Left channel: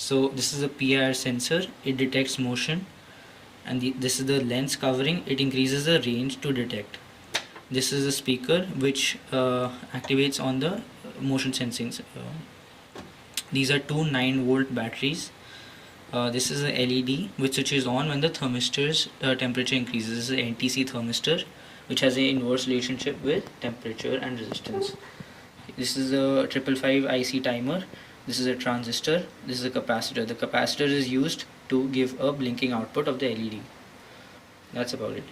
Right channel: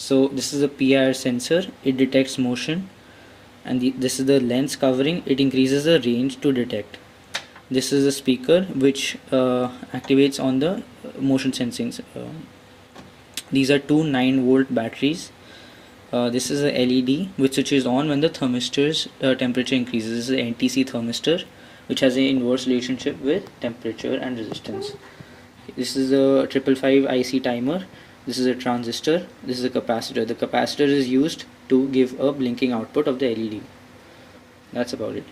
So this is a PIR sensor, it detects motion, and this is the lens covering, it increases the range to detect. This is a speaker which activates on the motion sensing. These are two 9-volt batteries. This is a LED which switches on when the thermistor's temperature increases. This is an NTC thermistor which has an inverse relationship with temperature and resistance. This is a 555 IC timer. This is a transistor. This is a capacitor. The capacitor is used to give a blinking output of the LED. That's about it.